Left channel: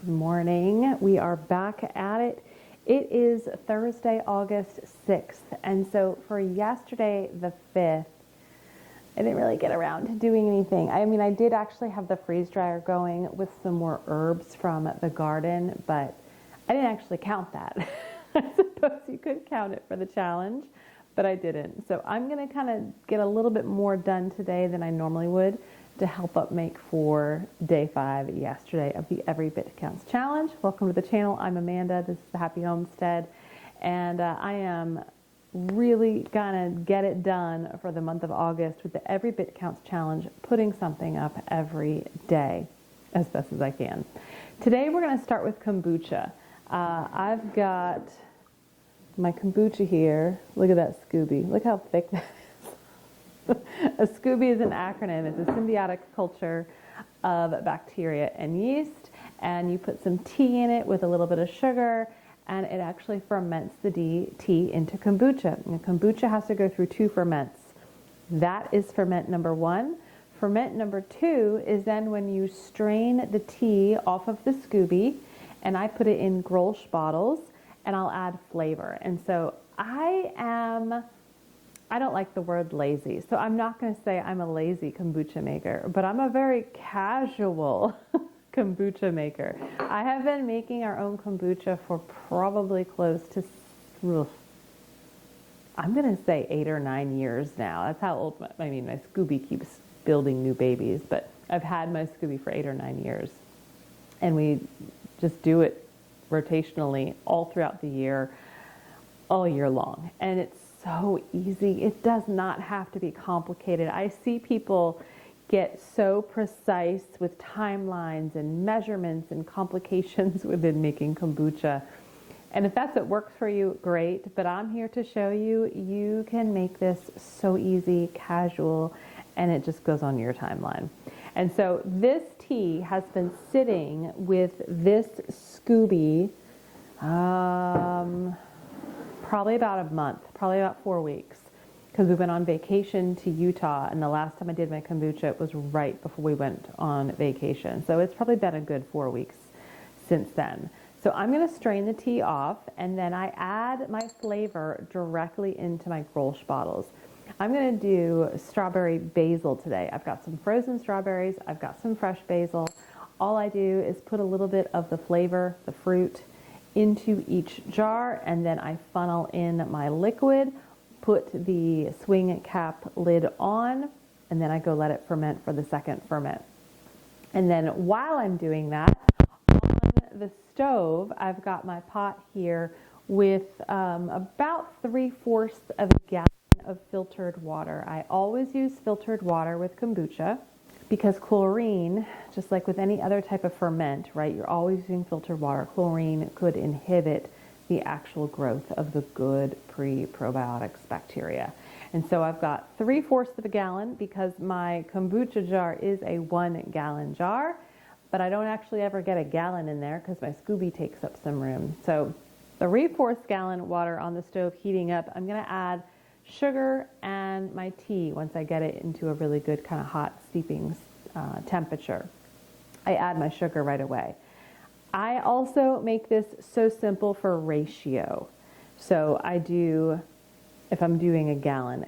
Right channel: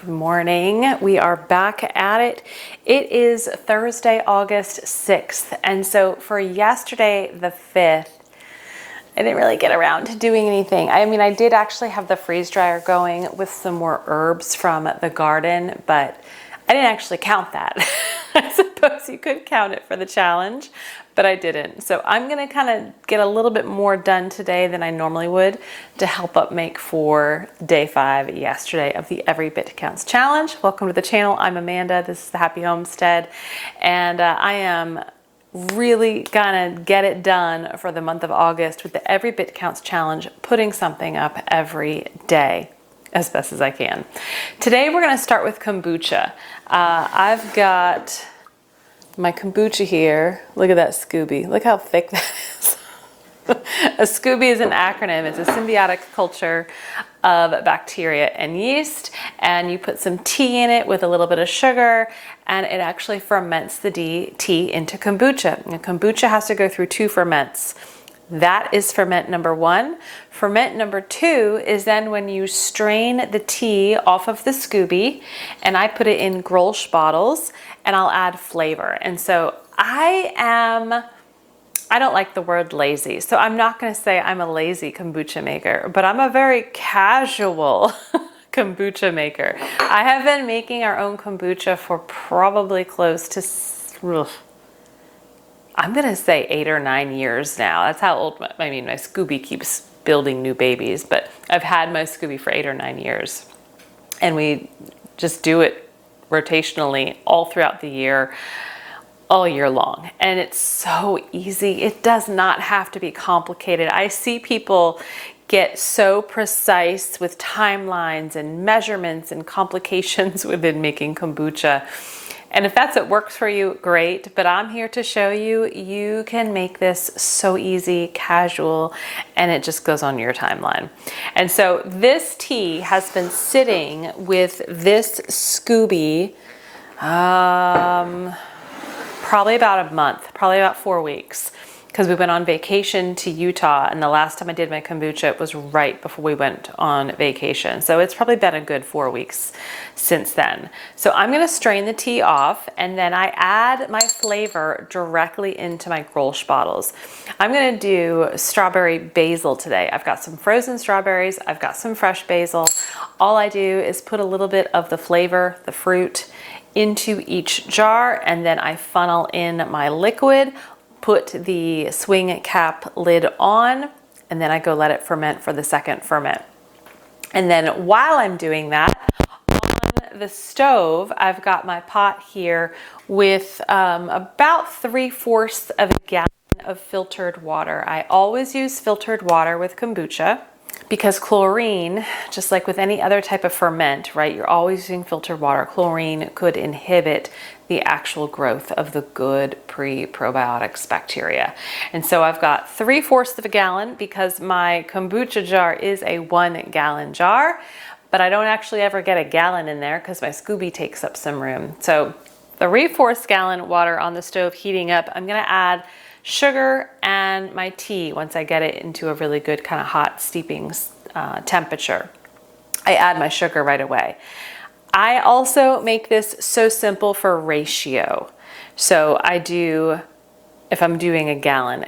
Good morning. We are back at it. It is Thursday, August 6th. And so for yesterday, the 5th, I didn't really get around to doing anything. I did actually have the freeze dryer going with some more herbs from the garden, but I didn't actually count that. I suppose you could count it for the challenge, but I didn't. So I'm gonna kind of get a little bit more done today than I normally would to help up make for day 5 yesterday of the Every Bit Counts Challenge. Welcome to the channel. I'm Amanda. This is the Happy Homestead, and I am really gonna get it done for the month of August with the Every Bit Counts Challenge, putting something up every day as best as I can. Today we're gonna start with kombucha. I've got my kombucha here. Look at that Scooby. Look how thick that is. A Scooby is an acronym. It's a symbiotic culture of bacteria and yeast, and you put some tea in it with a little bit of sugar, and it actually ferments the tea into kombucha. And kombucha has to go through 2 ferments. That is ferment number 1. Ferment number 2 is then when you strain the tea off of the Scooby, and I put it in Grolsch bottles, and I'll add flavor. And so I don't like the word lazy, so I'm not gonna say I'm a lazy kombucha maker, but I'm a very casual kombucha maker. I have been making our own kombucha for probably close to, I'm gonna say 8 or 9 years now. That's how old my Scooby keeps building new babies, but I've had my Scooby for 8 or 9 years. And we just do it rotationally all throughout the year, all year long. And it's so easy. It does not have to be complicated. I see people get so precise with timelines and measurements and complications within making kombucha. And if that's what works for you, great. But I'm here to show you, you can make this so easy, casual, and it just goes on your timeline. And so this tea has been sitting with this Scooby probably about a month, probably about 4 weeks, because we went on vacation to Utah, and the last time I did my kombucha, it was right before we went on vacation. So it's probably been a good 4 weeks since then. So I'm gonna strain the tea off, and then I add my flavor directly into my Grolsch bottles. I'm gonna do strawberry basil today. I've got some frozen strawberries, I've got some fresh basil. All I do is put a little bit of the flavor, the fruit, into each jar, and then I funnel in my liquid, put the swing cap lid on, and then I go let it ferment for the second ferment. And then while I'm doing that, on the stove, I've got my pot here with about 3/4 of a gallon of filtered water. I always use filtered water with kombucha because chlorine, just like with any other type of ferment, right? You're always using filtered water. Chlorine could inhibit the actual growth of the good pre-probiotics bacteria. And so I've got 3/4 of a gallon because my kombucha jar is a 1-gallon jar, but I don't actually ever get a gallon in there because my Scooby takes up some room. So 3/4 gallon water on the stove heating up. I'm gonna add sugar and my tea once I get it into a really good kind of hot steeping temperature. I add my sugar right away. I also make this so simple for ratio. So I do, if I'm doing a gallon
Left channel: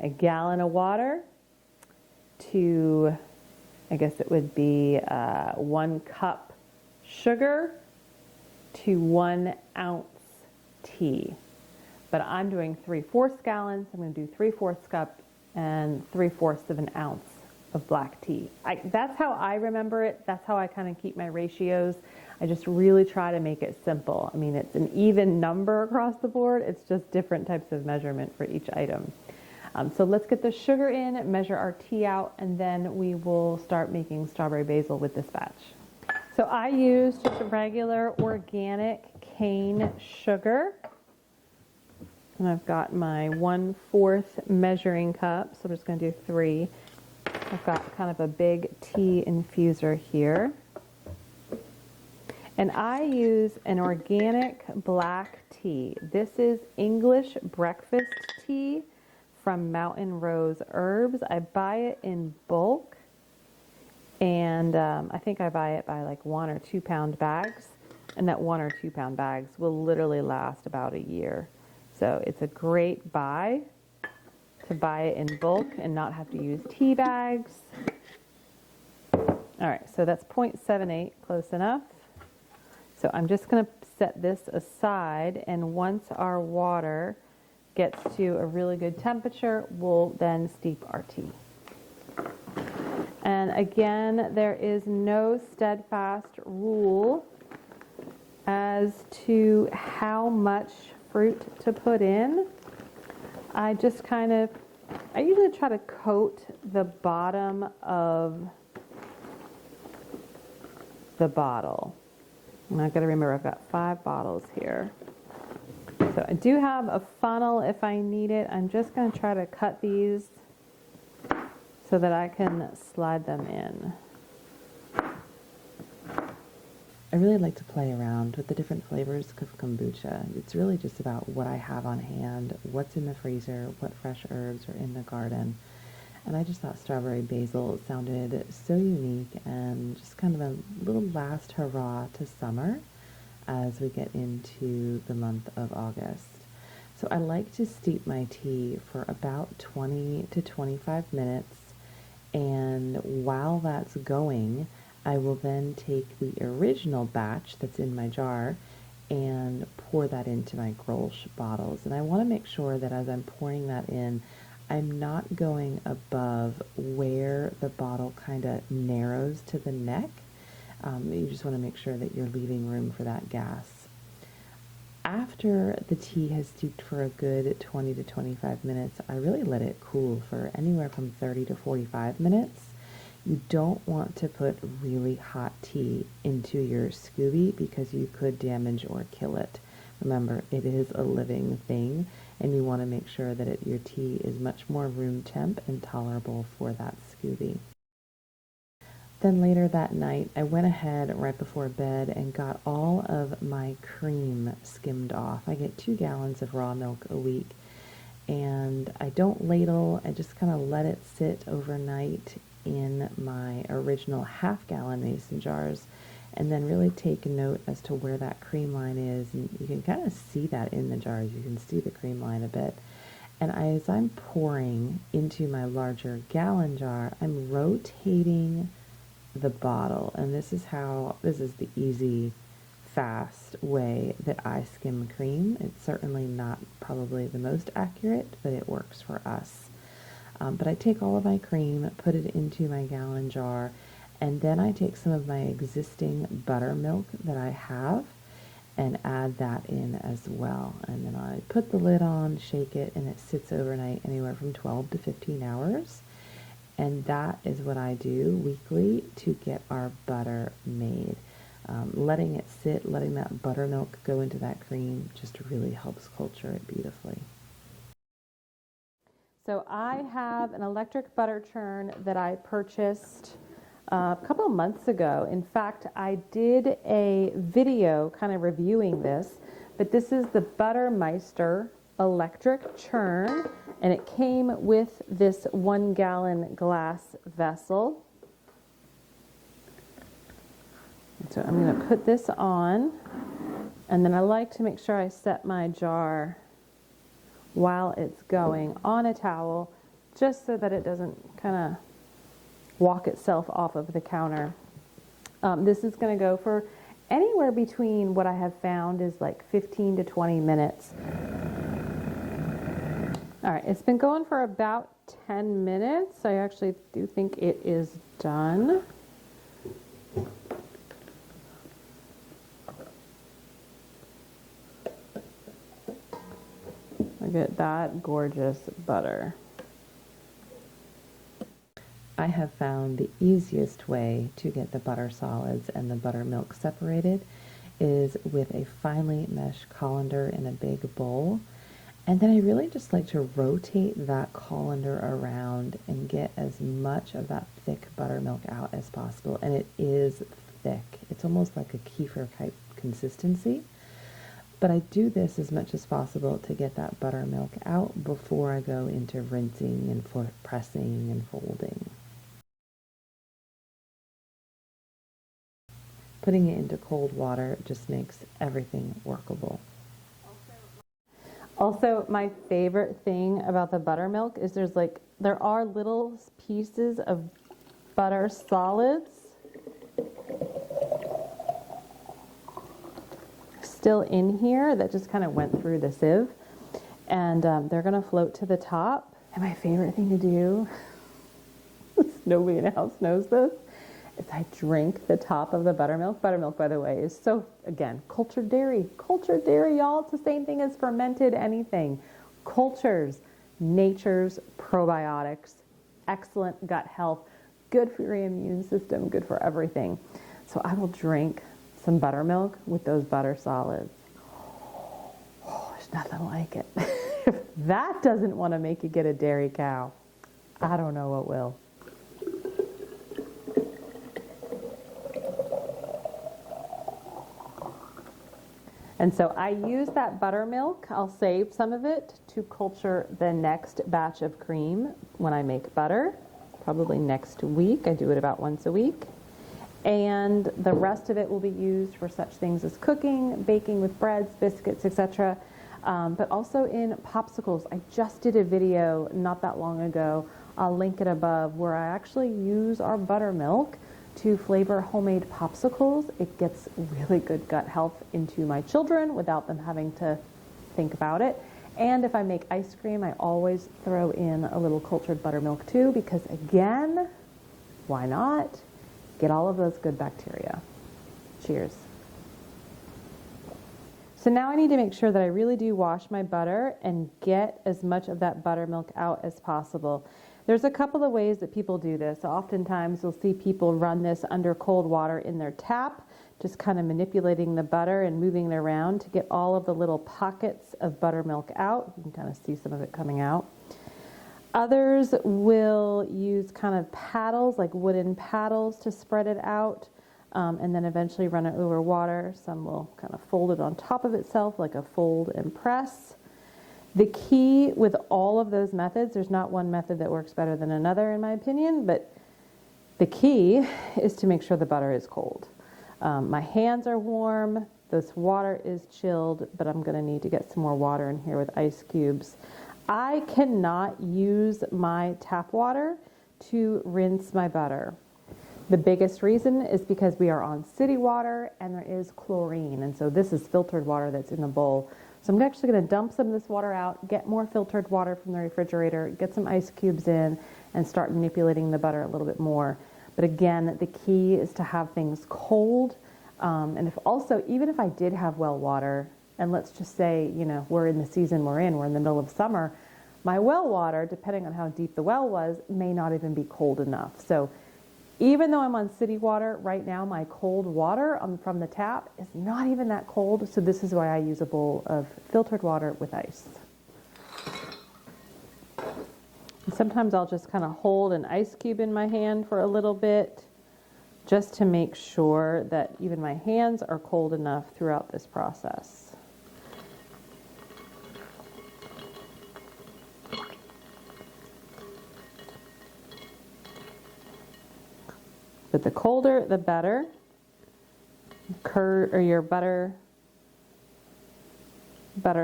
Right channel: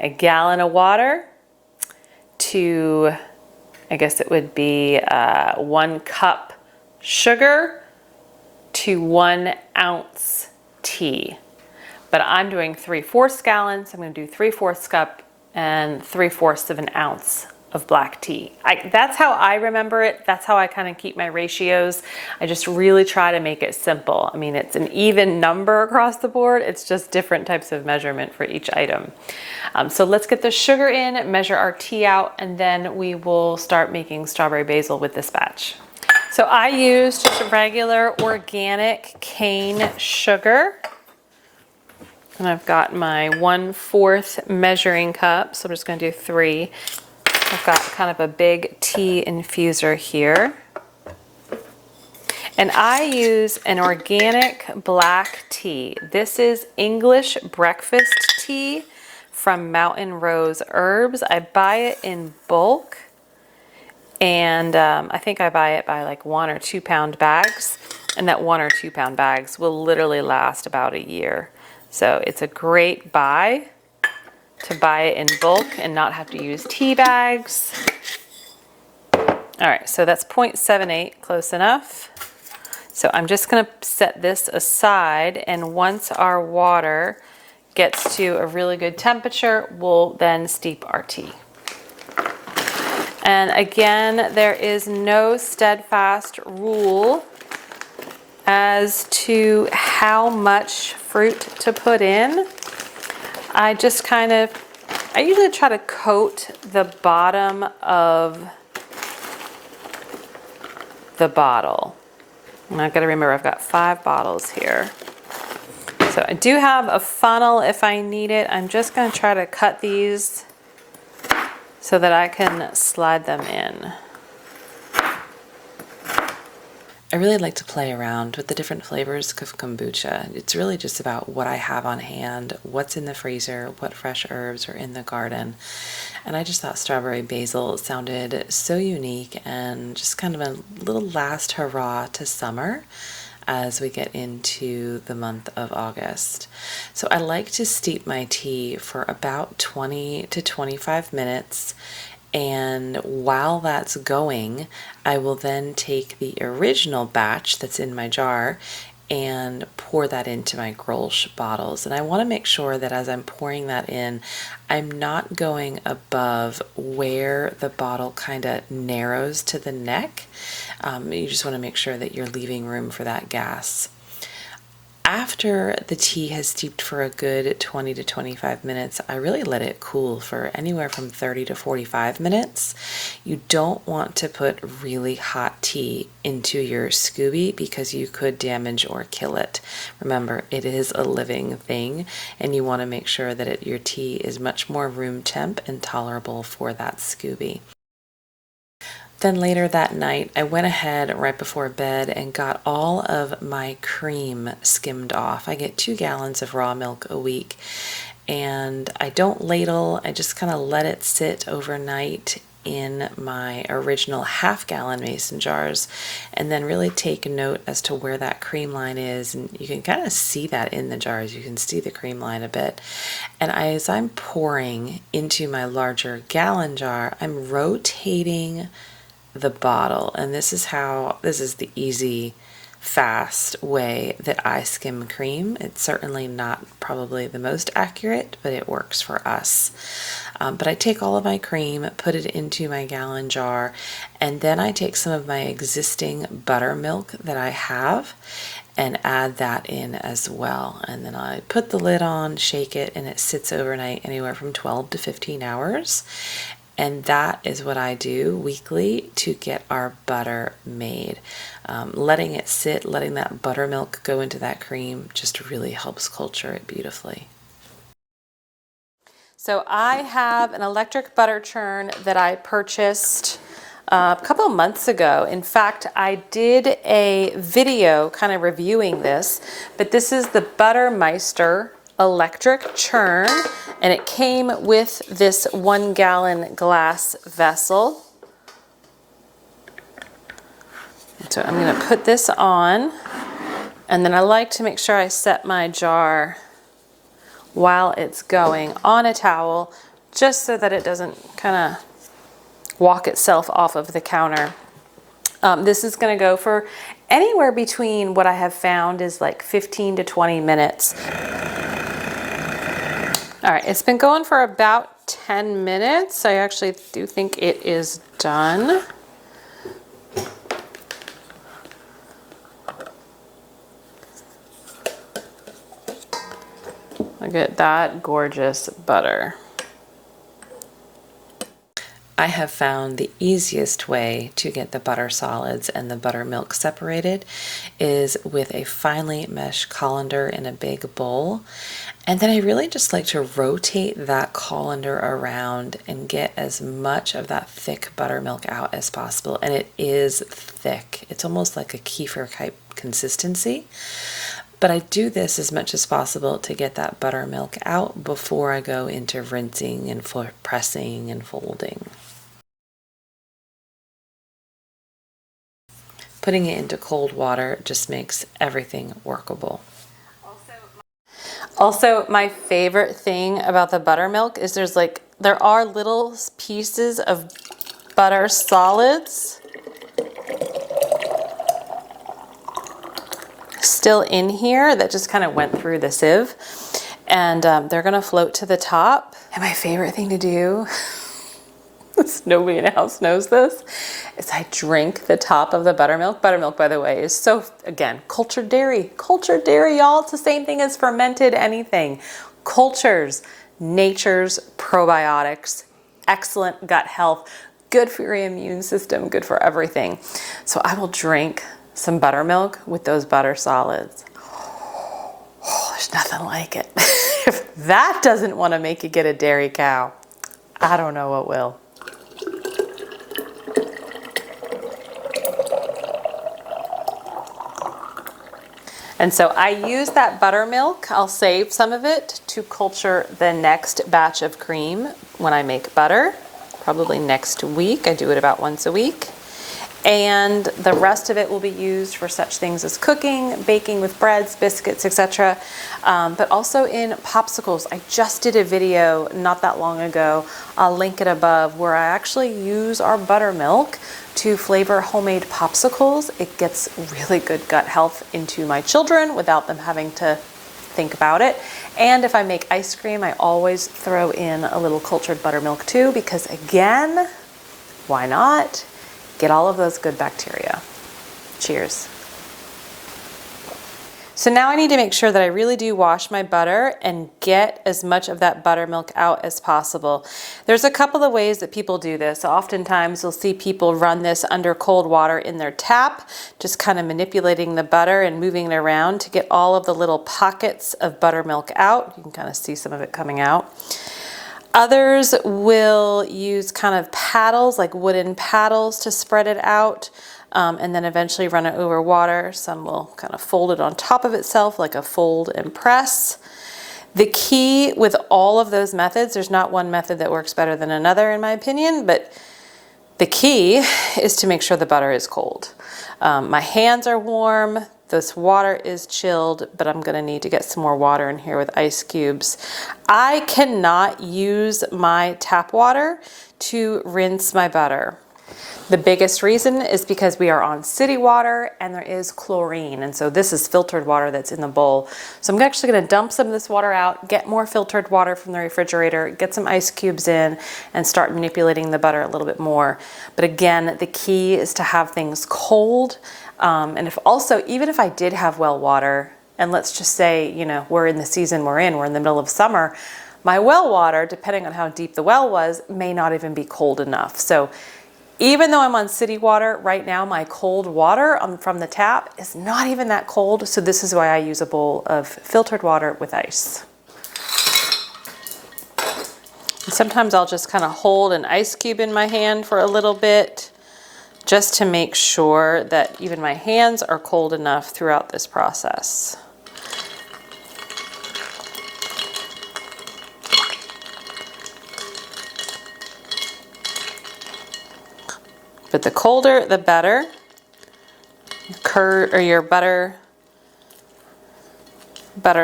of water to, I guess it would be 1 cup sugar to 1 ounce tea. But I'm doing 3/4 gallons. I'm gonna do 3/4 cup and 3/4 of an ounce of black tea. That's how I remember it. That's how I kind of keep my ratios. I just really try to make it simple. I mean, it's an even number across the board. It's just different types of measurement for each item. So let's get the sugar in, measure our tea out, and then we will start making strawberry basil with this batch. So I use just a regular organic cane sugar. And I've got my 1/4 measuring cup, so I'm just gonna do 3. I've got kind of a big tea infuser here. And I use an organic black tea. This is English breakfast tea from Mountain Rose Herbs. I buy it in bulk. And I think I buy it by like 1 or 2 pound bags. And that 1 or 2 pound bags will literally last about a year. So it's a great buy to buy it in bulk and not have to use tea bags. All right, so that's 0.78, close enough. So I'm just gonna set this aside, and once our water gets to a really good temperature, we'll then steep our tea. And again, there is no steadfast rule as to how much fruit to put in. I usually try to coat the bottom of the bottle. And I've got to remember I've got 5 bottles here. So I do have a funnel if I need it. I'm just going to try to cut these so that I can slide them in. I really like to play around with the different flavors of kombucha. It's really just about what I have on hand, what's in the freezer, what fresh herbs are in the garden. And I just thought strawberry basil sounded so unique and just kind of a little last hurrah to summer as we get into the month of August. So I like to steep my tea for about 20 to 25 minutes. And while that's going, I will then take the original batch that's in my jar and pour that into my Grolsch bottles. And I want to make sure that as I'm pouring that in, I'm not going above where the bottle kind of narrows to the neck. You just want to make sure that you're leaving room for that gas. After the tea has steeped for a good 20 to 25 minutes, I really let it cool for anywhere from 30 to 45 minutes. You don't want to put really hot tea into your Scooby because you could damage or kill it. Remember, it is a living thing, and you want to make sure that your tea is much more room temp and tolerable for that Scooby. Then later that night, I went ahead right before bed and got all of my cream skimmed off. I get 2 gallons of raw milk a week, and I don't ladle. I just kind of let it sit overnight in my original half-gallon mason jars, and then really take note as to where that cream line is. And you can kind of see that in the jars. You can see the cream line a bit. And as I'm pouring into my larger gallon jar, I'm rotating the bottle, and this is the easy, fast way that I skim cream. It's certainly not probably the most accurate, but it works for us. But I take all of my cream, put it into my gallon jar, and then I take some of my existing buttermilk that I have and add that in as well. And then I put the lid on, shake it, and it sits overnight anywhere from 12 to 15 hours. And that is what I do weekly to get our butter made. Letting it sit, letting that buttermilk go into that cream just really helps culture it beautifully. So I have an electric butter churn that I purchased a couple of months ago. In fact, I did a video kind of reviewing this, but this is the Buttermeister electric churn, and it came with this 1 gallon glass vessel. So I'm going to put this on, and then I like to make sure I set my jar while it's going on a towel, just so that it doesn't kind of walk itself off of the counter. This is going to go for anywhere between, what I have found is like 15 to 20 minutes. All right, it's been going for about 10 minutes. I actually do think it is done. Look at that gorgeous butter. I have found the easiest way to get the butter solids and the buttermilk separated is with a finely meshed colander in a big bowl. And then I really just like to rotate that colander around and get as much of that thick buttermilk out as possible. And it is thick. It's almost like a kefir type consistency. But I do this as much as possible to get that buttermilk out before I go into rinsing and pressing and folding. Putting it into cold water just makes everything workable. Also, my favorite thing about the buttermilk is there are little pieces of butter solids still in here that just kind of went through the sieve, and they're gonna float to the top. And my favorite thing to do, nobody in the house knows this, is I drink the top of the buttermilk. Buttermilk, by the way, is so, again, cultured dairy. Cultured dairy, y'all. It's the same thing as fermented anything. Cultures, nature's probiotics, excellent gut health, good for your immune system, good for everything. So I will drink some buttermilk with those butter solids. Oh, there's nothing like it. If that doesn't want to make you get a dairy cow, I don't know what will. And so I use that buttermilk. I'll save some of it to culture the next batch of cream when I make butter, probably next week. I do it about once a week. And the rest of it will be used for such things as cooking, baking with breads, biscuits, etc. But also in popsicles. I just did a video not that long ago, I'll link it above, where I actually use our buttermilk to flavor homemade popsicles. It gets really good gut health into my children without them having to think about it. And if I make ice cream, I always throw in a little cultured buttermilk too, because again, why not? Get all of those good bacteria. Cheers. So now I need to make sure that I really do wash my butter and get as much of that buttermilk out as possible. There's a couple of ways that people do this. Oftentimes you'll see people run this under cold water in their tap, just kind of manipulating the butter and moving it around to get all of the little pockets of buttermilk out. You can kind of see some of it coming out. Others will use kind of paddles, like wooden paddles, to spread it out and then eventually run it over water. Some will kind of fold it on top of itself like a fold and press. The key with all of those methods, there's not one method that works better than another in my opinion, but the key is to make sure the butter is cold. My hands are warm. This water is chilled, but I'm gonna need to get some more water in here with ice cubes. I cannot use my tap water to rinse my butter. The biggest reason is because we are on city water and there is chlorine. And so this is filtered water that's in the bowl. So I'm actually gonna dump some of this water out, get more filtered water from the refrigerator, get some ice cubes in, and start manipulating the butter a little bit more. But again, the key is to have things cold. And even if I did have well water, and let's just say, you know, we're in the season we're in the middle of summer, my well water, depending on how deep the well was, may not even be cold enough. So even though I'm on city water right now, my cold water from the tap is not even that cold. So this is why I use a bowl of filtered water with ice. And sometimes I'll just kind of hold an ice cube in my hand for a little bit, just to make sure that even my hands are cold enough throughout this process. But the colder, the better. Your butter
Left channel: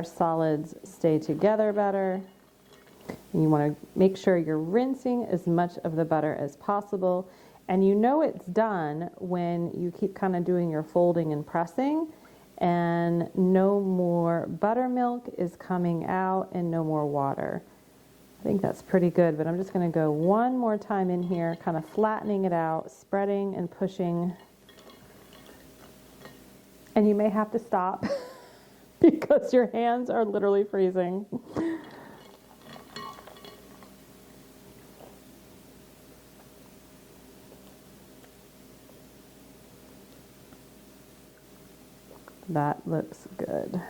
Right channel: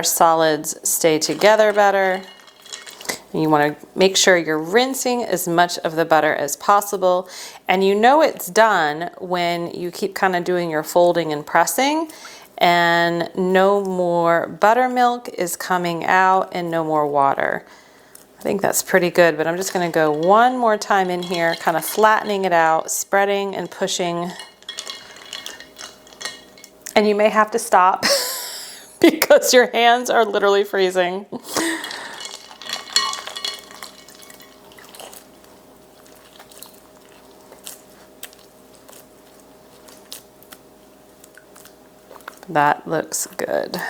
solids stay together better. You want to make sure you're rinsing as much of the butter as possible. And you know it's done when you keep kind of doing your folding and pressing, and no more buttermilk is coming out and no more water. I think that's pretty good, but I'm just going to go one more time in here, kind of flattening it out, spreading and pushing. And you may have to stop because your hands are literally freezing. That looks good.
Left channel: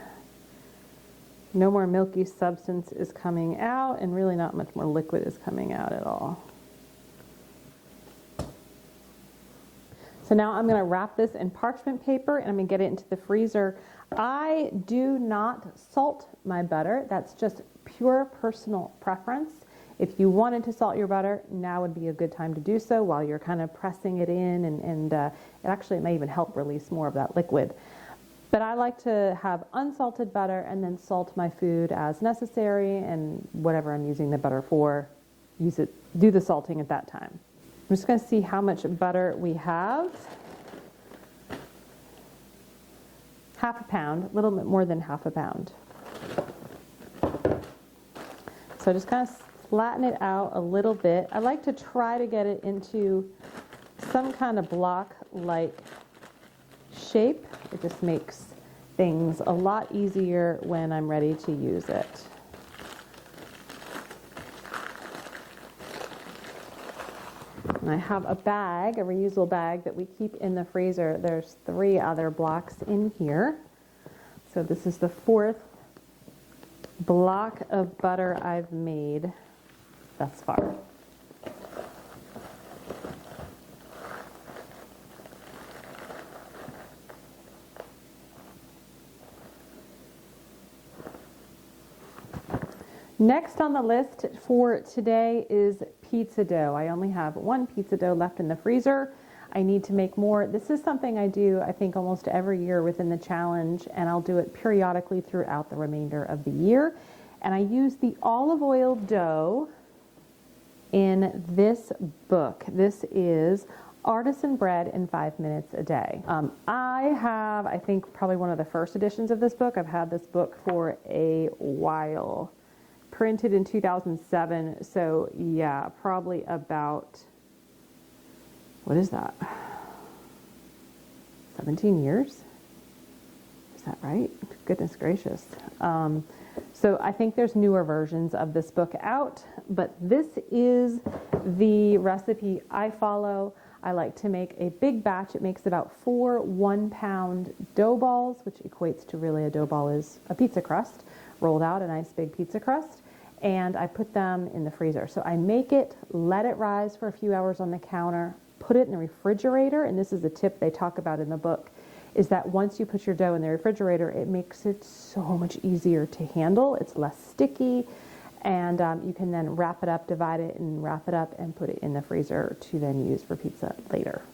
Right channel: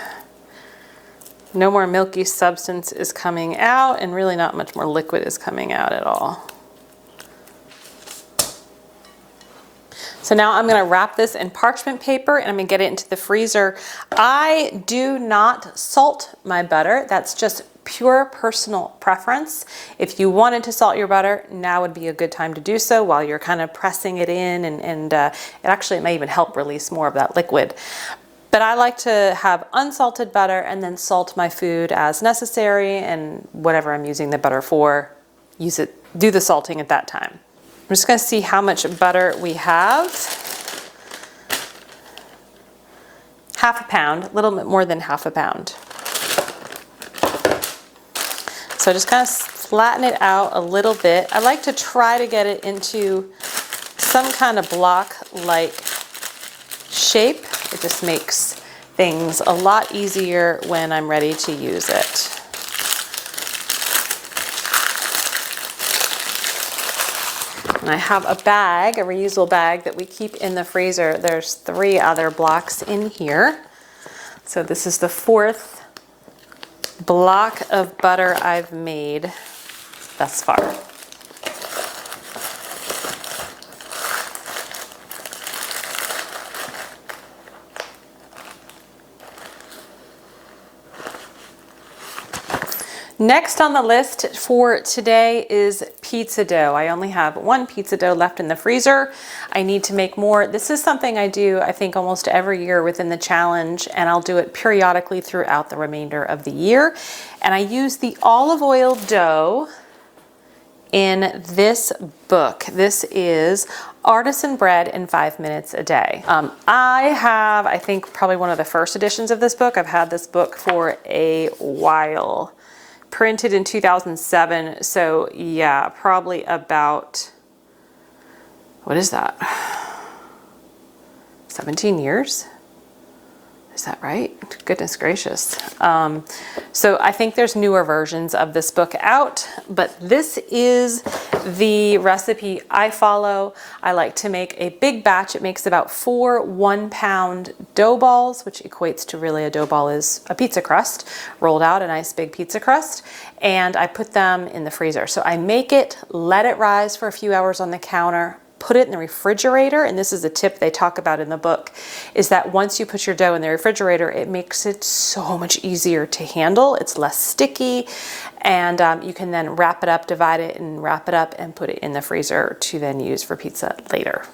No more milky substance is coming out, and really not much more liquid is coming out at all. So now I'm gonna wrap this in parchment paper and I'm gonna get it into the freezer. I do not salt my butter. That's just pure personal preference. If you wanted to salt your butter, now would be a good time to do so while you're kind of pressing it in, and it may even help release more of that liquid. But I like to have unsalted butter and then salt my food as necessary, and whatever I'm using the butter for, use it, do the salting at that time. I'm just going to see how much butter we have. Half a pound, a little bit more than half a pound. So just kind of flatten it out a little bit. I like to try to get it into some kind of block-like shape. It just makes things a lot easier when I'm ready to use it. And I have a bag, a reusable bag that we keep in the freezer. There's 3 other blocks in here. So this is the 4th block of butter I've made thus far. Next on the list for today is pizza dough. I only have 1 pizza dough left in the freezer. I need to make more. This is something I do, I think, almost every year within the challenge, and I'll do it periodically throughout the remainder of the year. And I use the olive oil dough in this book. This is Artisan Bread in 5 Minutes a Day. I have, I think, probably one of the first editions of this book. I've had this book for a while. Printed in 2007, so yeah, probably about, what is that? 17 years? Is that right? Goodness gracious. So I think there's newer versions of this book out, but this is the recipe I follow. I like to make a big batch. It makes about 4 1-pound dough balls, which equates to, really, a dough ball is a pizza crust, rolled out, a nice big pizza crust, and I put them in the freezer. So I make it, let it rise for a few hours on the counter, put it in the refrigerator, and this is a tip they talk about in the book, is that once you put your dough in the refrigerator, it makes it so much easier to handle. It's less sticky, and you can then wrap it up, divide it and wrap it up, and put it in the freezer to then use for pizza later.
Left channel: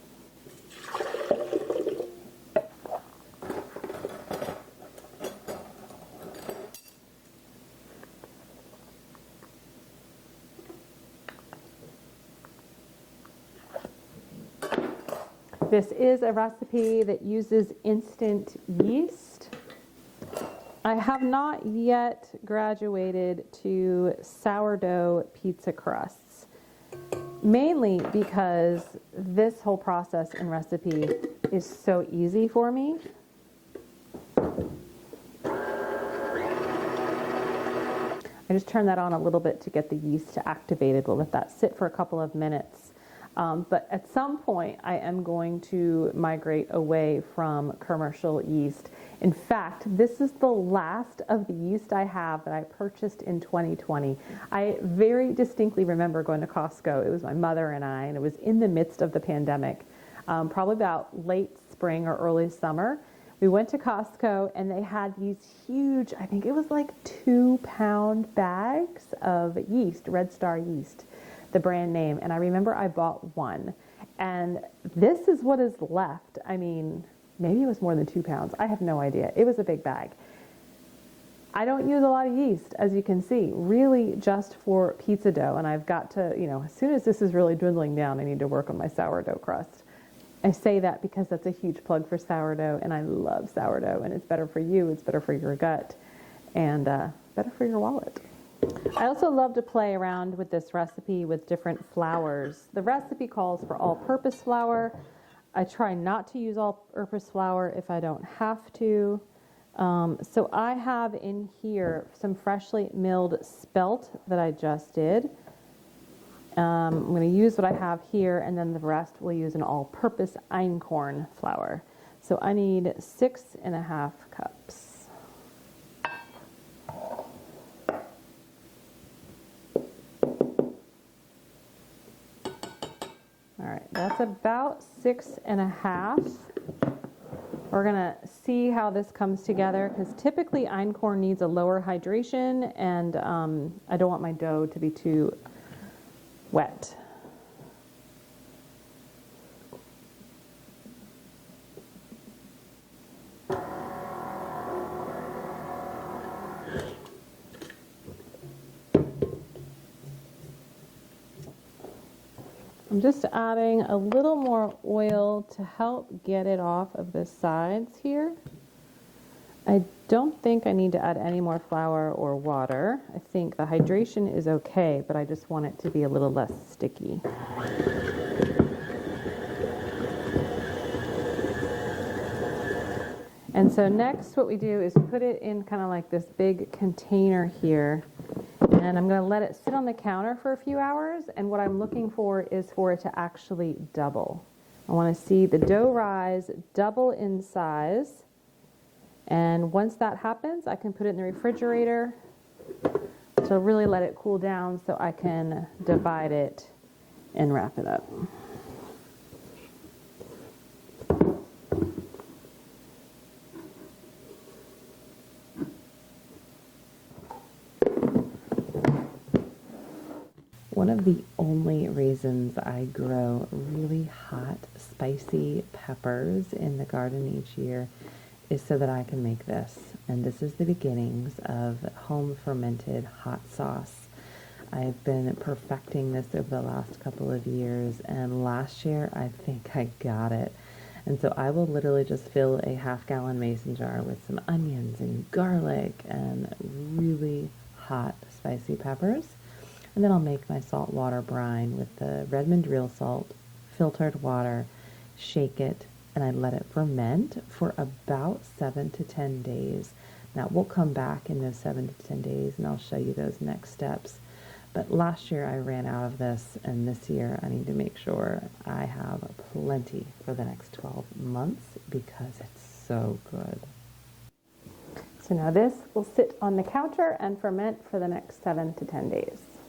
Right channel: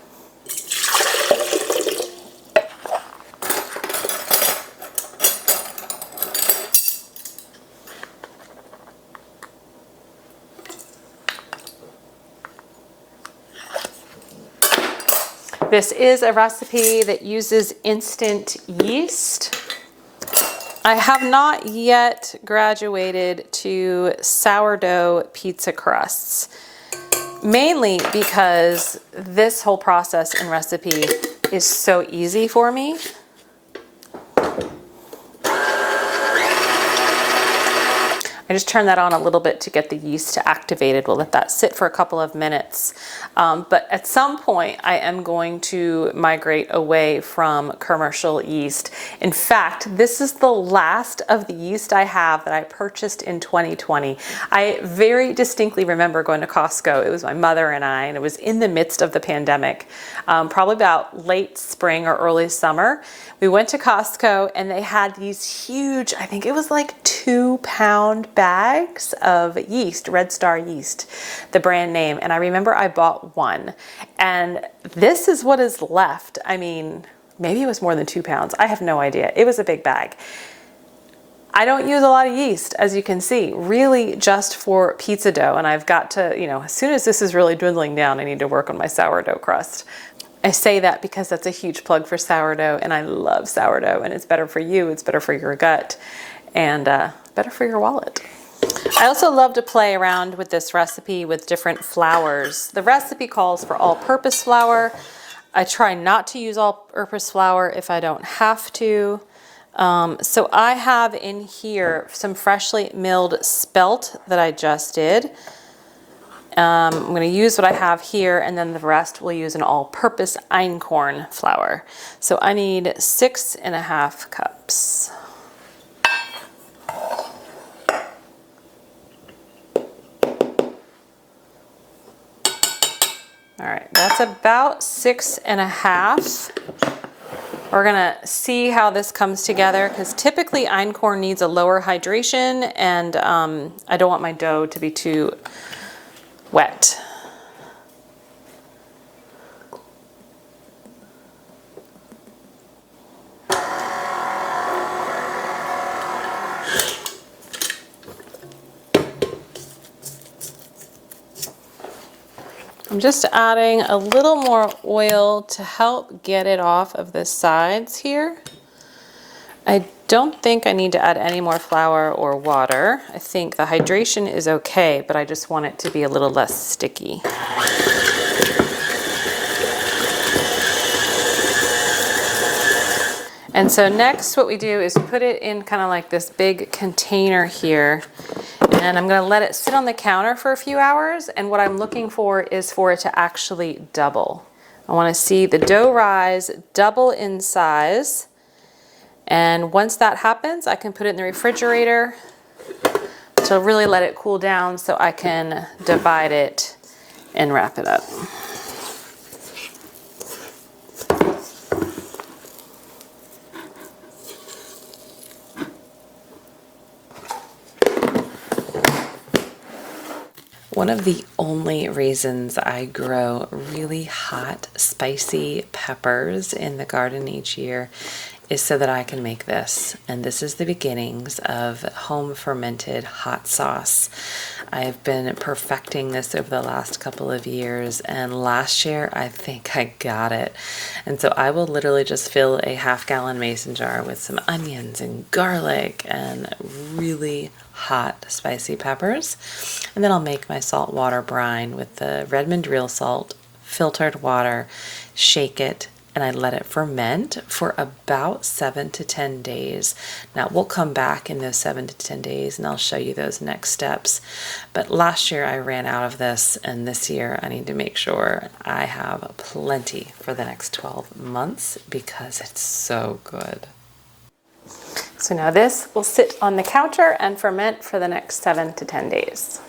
This is a recipe that uses instant yeast. I have not yet graduated to sourdough pizza crusts, mainly because this whole process and recipe is so easy for me. I just turn that on a little bit to get the yeast activated. We'll let that sit for a couple of minutes. But at some point, I am going to migrate away from commercial yeast. In fact, this is the last of the yeast I have that I purchased in 2020. I very distinctly remember going to Costco. It was my mother and I, and it was in the midst of the pandemic, probably about late spring or early summer. We went to Costco and they had these huge, I think it was like 2-pound bags of yeast, Red Star yeast, the brand name. And I remember I bought one, and this is what is left. I mean, maybe it was more than 2 pounds. I have no idea. It was a big bag. I don't use a lot of yeast, as you can see, really just for pizza dough. And I've got to, as soon as this is really dwindling down, I need to work on my sourdough crust. I say that because that's a huge plug for sourdough, and I love sourdough, and it's better for you, it's better for your gut, and better for your wallet. I also love to play around with this recipe with different flours. The recipe calls for all-purpose flour. I try not to use all-purpose flour if I don't have to. So I have in here some freshly milled spelt that I just did. I'm going to use what I have here, and then the rest we'll use an all-purpose einkorn flour. So I need 6½ cups. All right, that's about 6½. We're gonna see how this comes together, because typically einkorn needs a lower hydration, and I don't want my dough to be too wet. I'm just adding a little more oil to help get it off of the sides here. I don't think I need to add any more flour or water. I think the hydration is okay, but I just want it to be a little less sticky. And so next what we do is put it in kind of like this big container here, and I'm gonna let it sit on the counter for a few hours, and what I'm looking for is for it to actually double. I wanna see the dough rise, double in size, and once that happens, I can put it in the refrigerator to really let it cool down so I can divide it and wrap it up. One of the only reasons I grow really hot, spicy peppers in the garden each year is so that I can make this. And this is the beginnings of home fermented hot sauce. I have been perfecting this over the last couple of years, and last year I think I got it. And so I will literally just fill a half-gallon mason jar with some onions and garlic and really hot spicy peppers, and then I'll make my salt water brine with the Redmond real salt, filtered water, shake it, and I let it ferment for about 7 to 10 days. Now we'll come back in those 7 to 10 days and I'll show you those next steps. But last year I ran out of this, and this year I need to make sure I have plenty for the next 12 months because it's so good. So now this will sit on the counter and ferment for the next 7 to 10 days.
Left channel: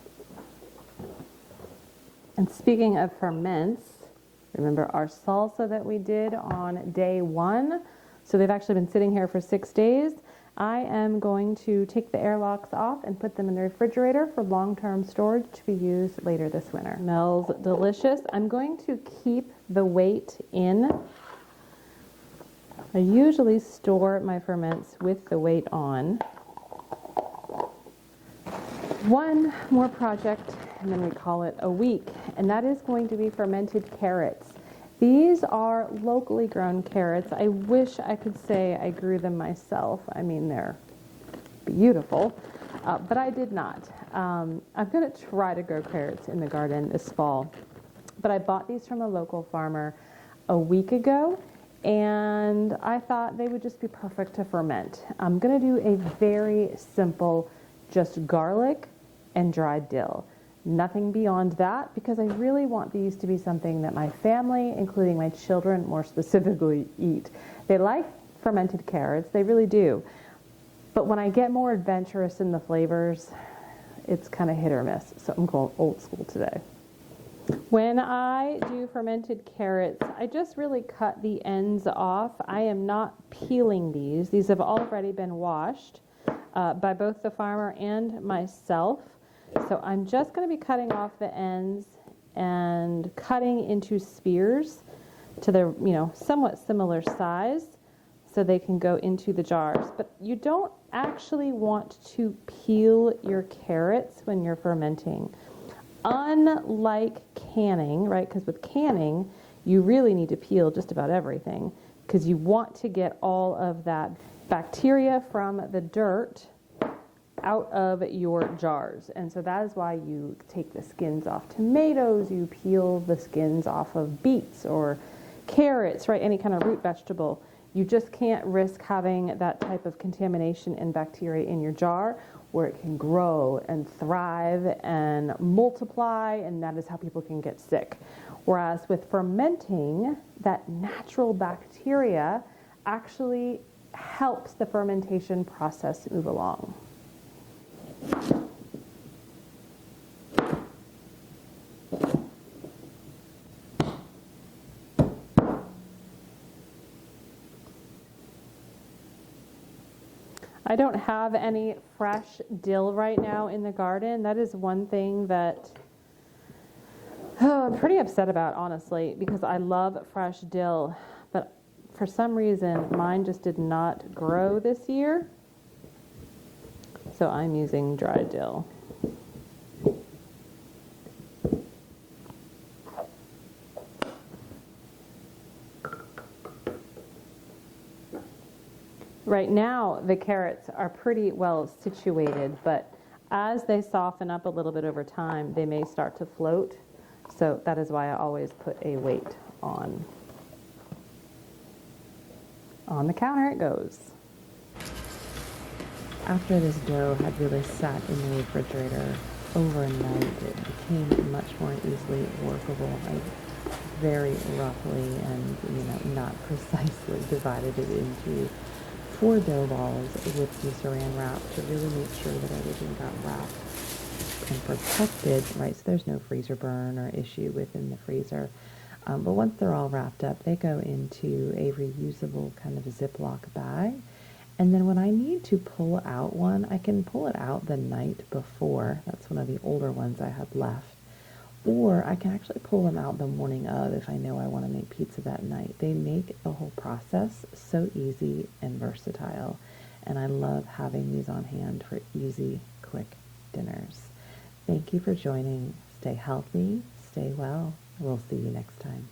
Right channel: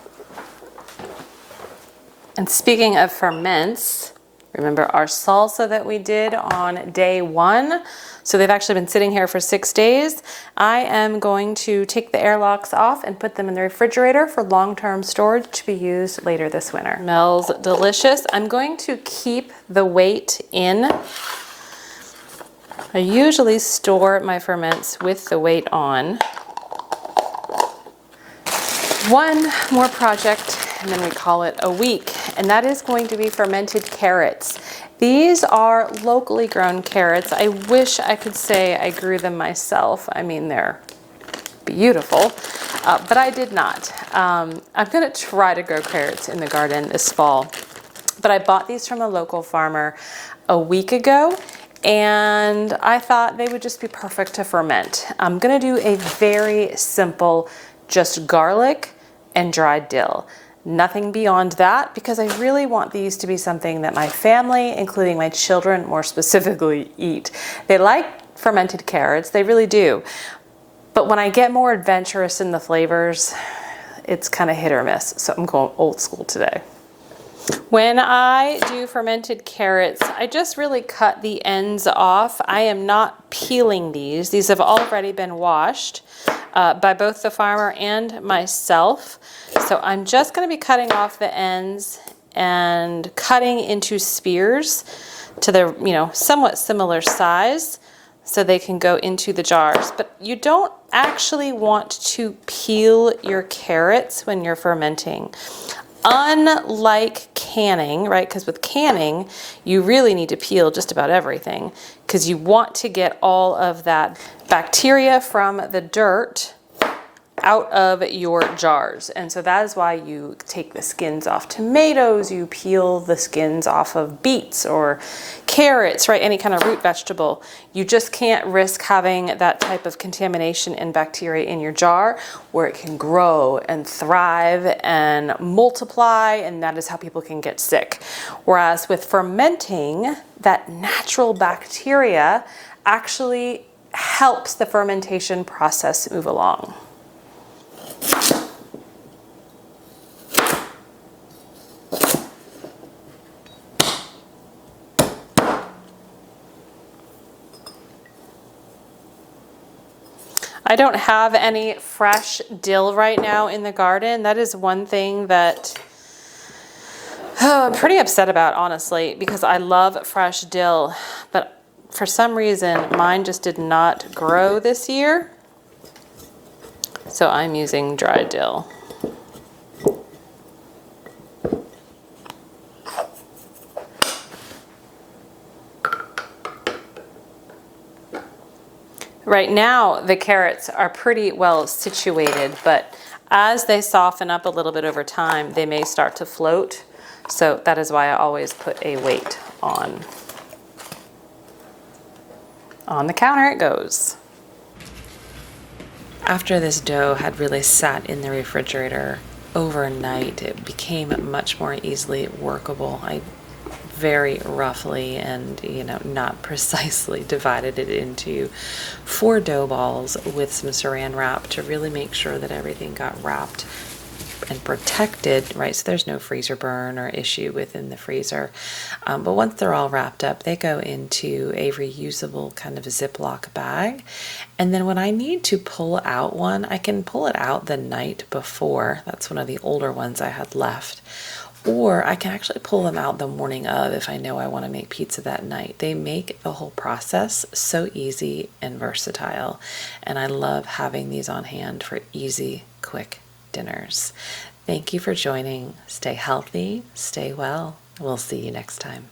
And speaking of ferments, remember our salsa that we did on day 1? So they've actually been sitting here for 6 days. I am going to take the airlocks off and put them in the refrigerator for long-term storage to be used later this winter. Smells delicious. I'm going to keep the weight in. I usually store my ferments with the weight on. One more project, and then we call it a week, and that is going to be fermented carrots. These are locally grown carrots. I wish I could say I grew them myself. I mean, they're beautiful, but I did not. I'm gonna try to grow carrots in the garden this fall, but I bought these from a local farmer a week ago, and I thought they would just be perfect to ferment. I'm gonna do a very simple, just garlic and dried dill. Nothing beyond that, because I really want these to be something that my family, including my children more specifically, eat. They like fermented carrots, they really do. But when I get more adventurous in the flavors, it's kind of hit or miss. So I'm going old school today. When I do fermented carrots, I just really cut the ends off. I am not peeling these. These have already been washed by both the farmer and myself. So I'm just going to be cutting off the ends and cutting into spears to the, somewhat similar size so they can go into the jars. But you don't actually want to peel your carrots when you're fermenting. Unlike canning, right? Because with canning, you really need to peel just about everything because you want to get all of that bacteria from the dirt out of your jars. And so that is why you take the skins off tomatoes, you peel the skins off of beets or carrots, right? Any kind of root vegetable. You just can't risk having that type of contamination and bacteria in your jar where it can grow and thrive and multiply, and that is how people can get sick. Whereas with fermenting, that natural bacteria actually helps the fermentation process move along. I don't have any fresh dill right now in the garden. That is one thing that I'm pretty upset about, honestly, because I love fresh dill, but for some reason mine just did not grow this year. So I'm using dry dill. Right now, the carrots are pretty well situated, but as they soften up a little bit over time, they may start to float. So that is why I always put a weight on. On the counter it goes. After this dough had really sat in the refrigerator overnight, it became much more easily workable. I very roughly and not precisely divided it into 4 dough balls with some saran wrap to really make sure that everything got wrapped and protected, right? So there's no freezer burn or issue within the freezer. But once they're all wrapped up, they go into a reusable kind of Ziploc bag. And then when I need to pull out one, I can pull it out the night before. That's one of the older ones I had left. Or I can actually pull them out the morning of if I know I want to make pizza that night. They make the whole process so easy and versatile. And I love having these on hand for easy, quick dinners. Thank you for joining. Stay healthy, stay well. We'll see you next time.